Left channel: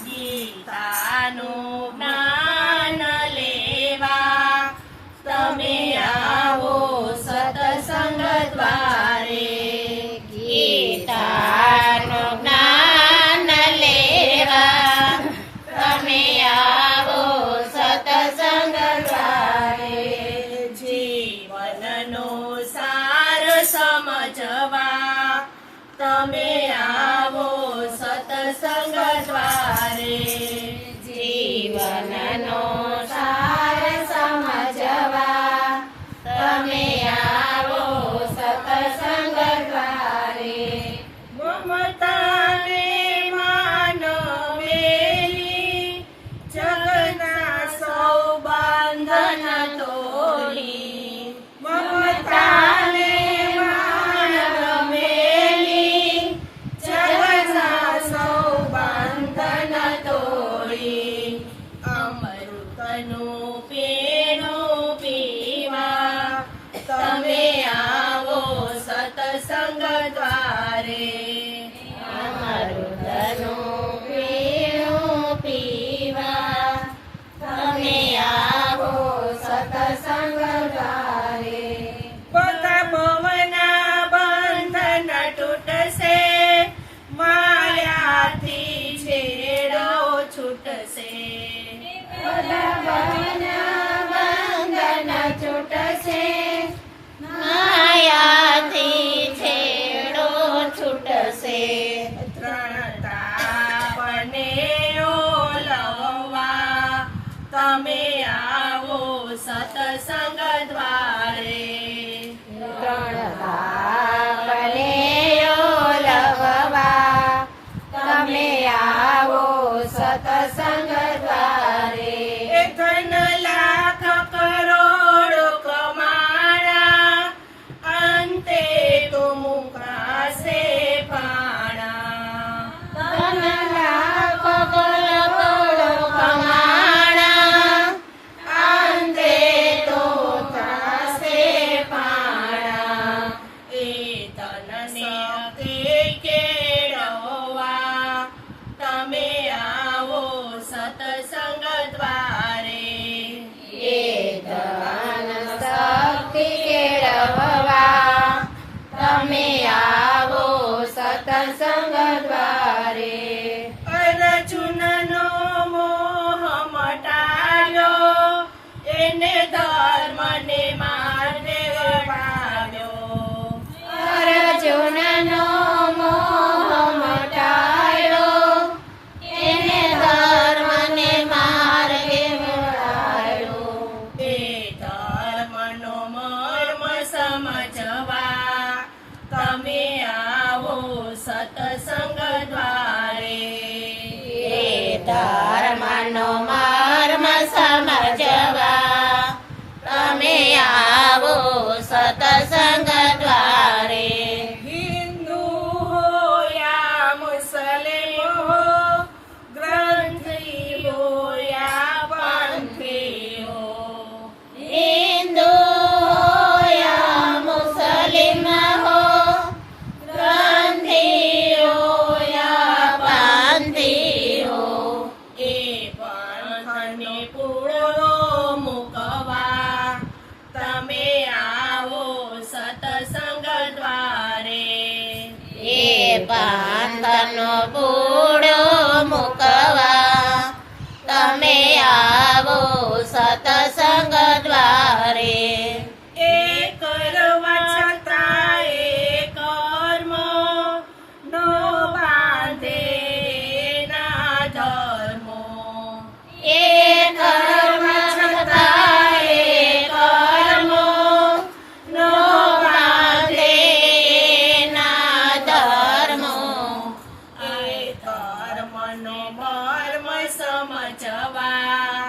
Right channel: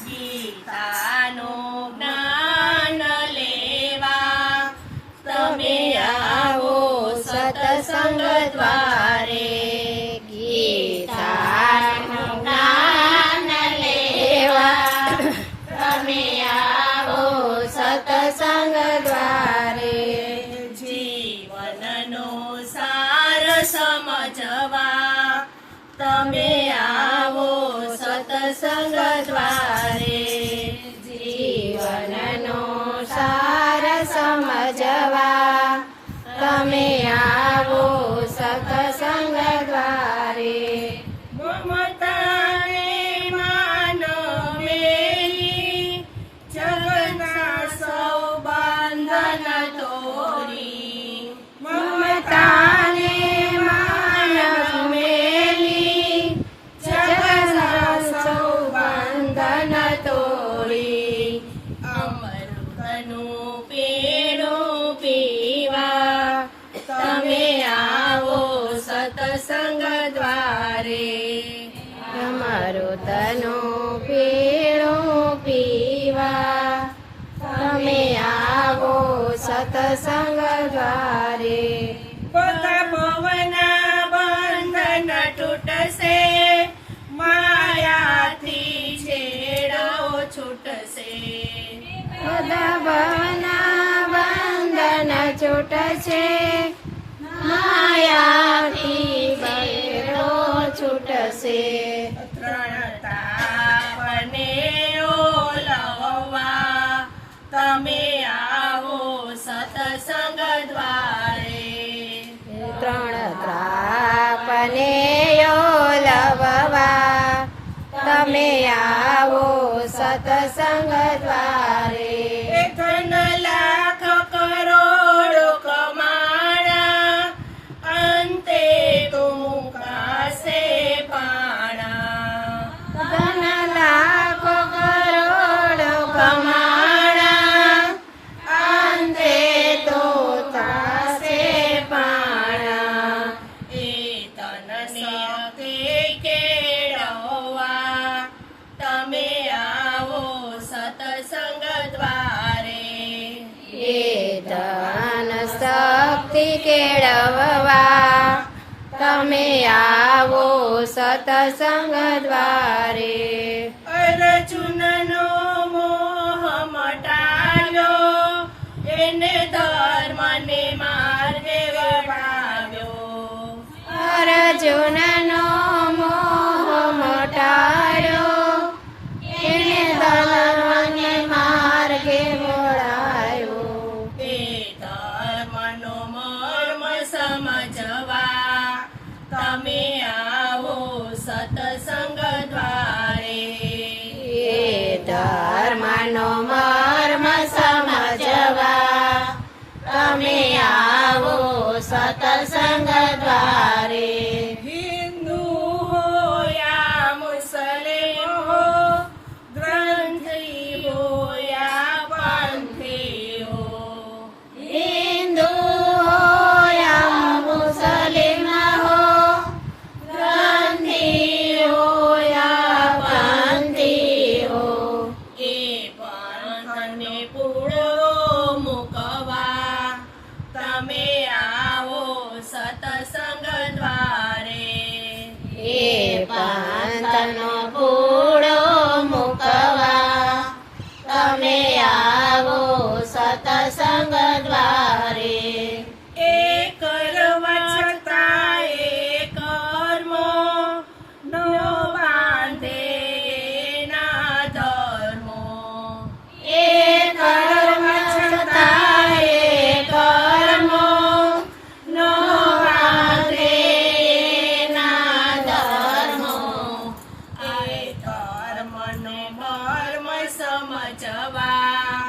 ગીતાનું જ્ઞાન લેવા તમે આવો સત્સંગ દ્વારે. ગીતાનું જ્ઞાન લેવા તમે આવો સત્સંગ દ્વારે. જીવનનો સાર સમજવા તમે આવો સત્સંગ દ્વારે. જીવનનો સાર સમજવા તમે આવો સત્સંગ દ્વારે. મમતાને માનવેલી જગના સૌ બંધન તોડી. મમતાને માનવેલી જગના સૌ બંધન તોડી. અમૃતનું પીણું પીવા તમે આવો સત્સંગ દ્વારે. અમૃતનું પીણું પીવા તમે આવો સત્સંગ દ્વારે. બધા પવના બંધન તૂટશે, માયાથી છેડો છૂટશે. બધા પવના બંધન છૂટશે, માયાથી છેડો છૂટશે. ત્રણ તાપને ઓલવવા તમે આવો સત્સંગ દ્વારે. ત્રણ તાપને ઓલવવા તમે આવો સત્સંગ દ્વારે. ધન લાખ કરોડ કમાણા, અંતે તો મુકાશે પાણા. ધન લાખ કરોડ કમાણા, અંતે તો મુકાશે પાણા. એ તન શક્તિ કેળવવા તમે આવો સત્સંગ દ્વારે. એ ધન શક્તિ કેળવવા તમે આવો સત્સંગ દ્વારે. અર્જુનનો મોહ મટાયો, એને ધર્મને માર્ગે વાળ્યો. અર્જુનનો મોહ મટાયો, એને ધર્મને માર્ગે વળાયો. તે ધર્મનો મર્મ સમજવા તમે આવો સત્સંગ દ્વારે. એ ધર્મનો મર્મ સમજવા તમે આવો સત્સંગ દ્વારે. હિન્દુ હો યા મુસ્લિમ હો, ગ્રંથી હો યા પંથી હો. હિન્દુ હો યા મુસ્લિમ હો, ગ્રંથી હો યા પંથી હો. એ પંથને પૂરો મૂકવા તમે આવો સત્સંગ દ્વારે. એ પંથનો પૂરો મૂકવા તમે આવો સત્સંગ દ્વારે. એ કરવા છતાં એ કર્મ નો બાંધે ના ધર્મો. એ કરવા છતાં એ કર્મો નો બાંધે ના ધર્મો. એ ધર્મનો મર્મ સમજવા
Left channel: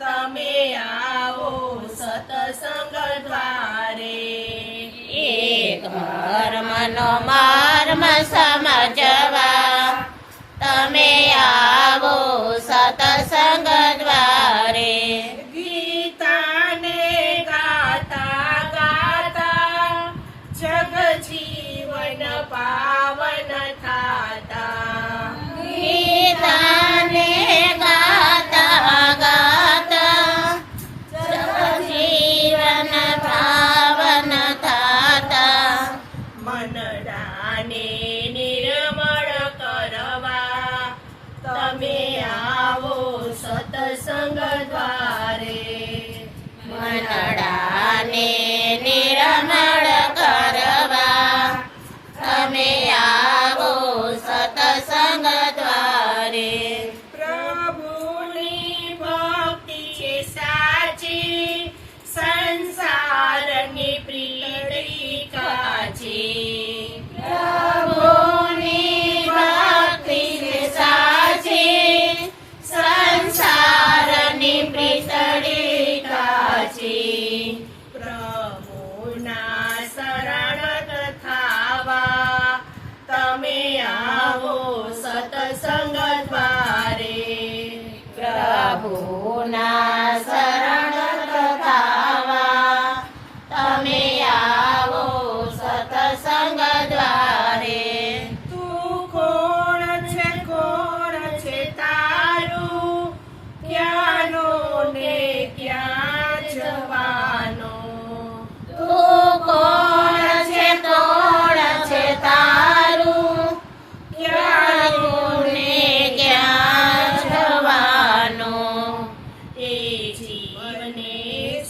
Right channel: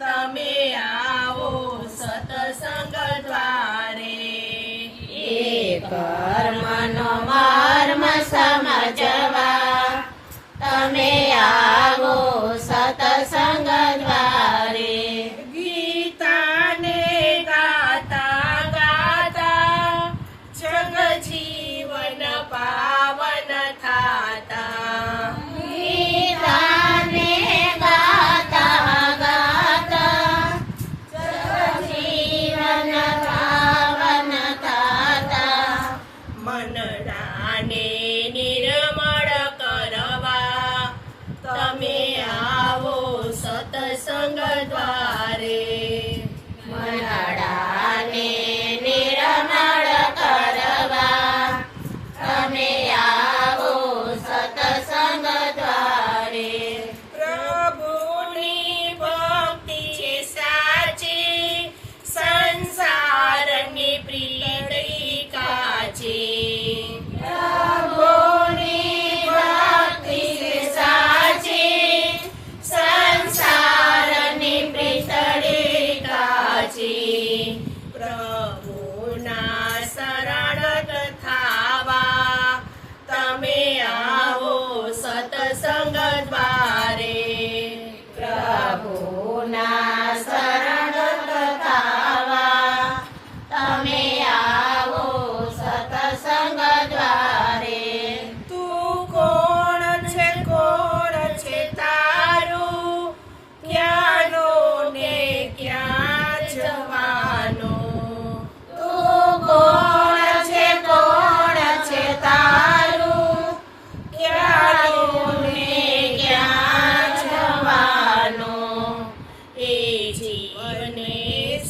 તમે આવો સત્સંગ દ્વારે. એ ધર્મનો મર્મ સમજવા તમે આવો સત્સંગ દ્વારે. ગીતાને ગાતા ગાતા જગ જીવન પાવન થાતા. સત્સંગ દ્વારે મનડાને નિર્મળ કરવા તમે આવો સત્સંગ દ્વારે. પ્રભુની ભક્તિ છે સાચી સંસારની પ્રીતિ કાચી પ્રભુની ભક્તિ છે સાચી સંસારની પ્રીતળી કાચી. પ્રભુના શરણ થાવા તમે આવો સત્સંગ દ્વારે પ્રભુના શરણ થવા તમે આવો સત્સંગ દ્વારે. તું કોણ છે તારું ક્યાંનું ને ક્યાં જવાનું તું કોણ છે તારું ક્યાંનું ને ક્યાં જવાનું. એ જીવને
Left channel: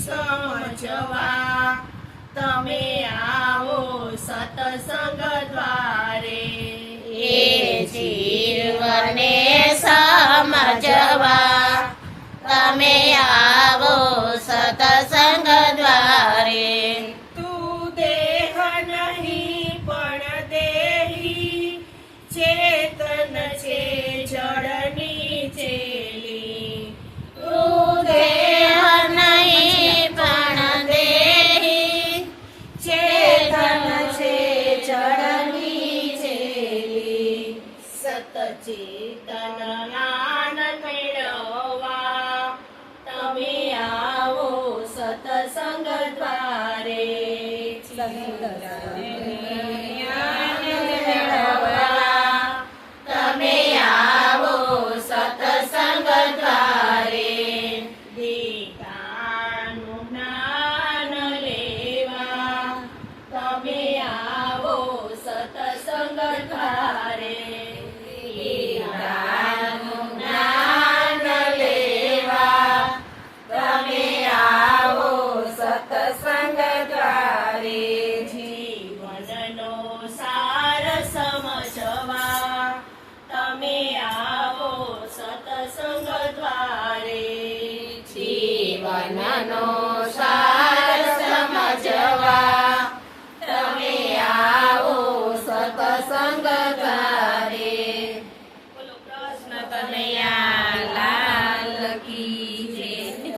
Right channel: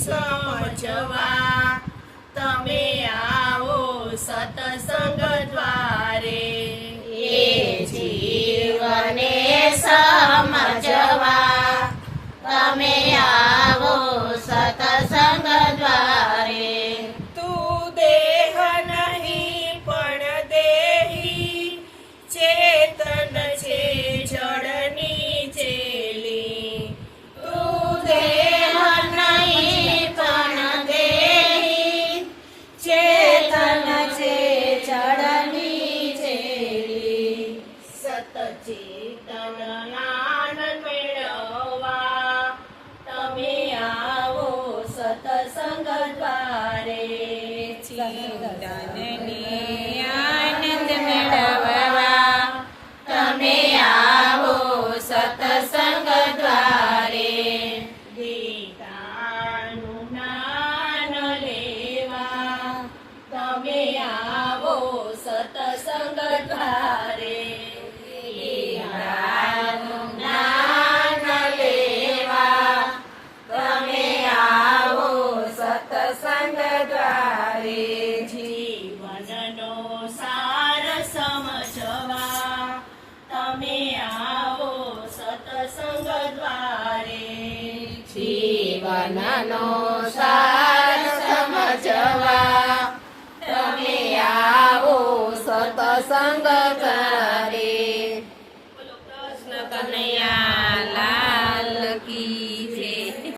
સમજવા તમે આવો સત્સંગ દ્વારે એ જીવને સમજવા તમે આવો સત્સંગ દ્વારે. તું દેહ નહીં પણ દેહી ચેતન છે જળની ચેલી તું દેહ નહીં પણ દેહી ચેતન છે જળની ચેલી. સતચેતન આનંદ મેળવવા તમે આવો સત્સંગ દ્વારે આનંદ મેળવવા તમે આવો સત્સંગ દ્વારે. ગીતાનું જ્ઞાન લેવા તમે આવો સત્સંગ દ્વારે ગીતાનું જ્ઞાન લેવા તમે આવો સત્સંગ દ્વારે. જીવનનો સાર સમજવા તમે આવો સત્સંગ દ્વારે જીવનનો સાર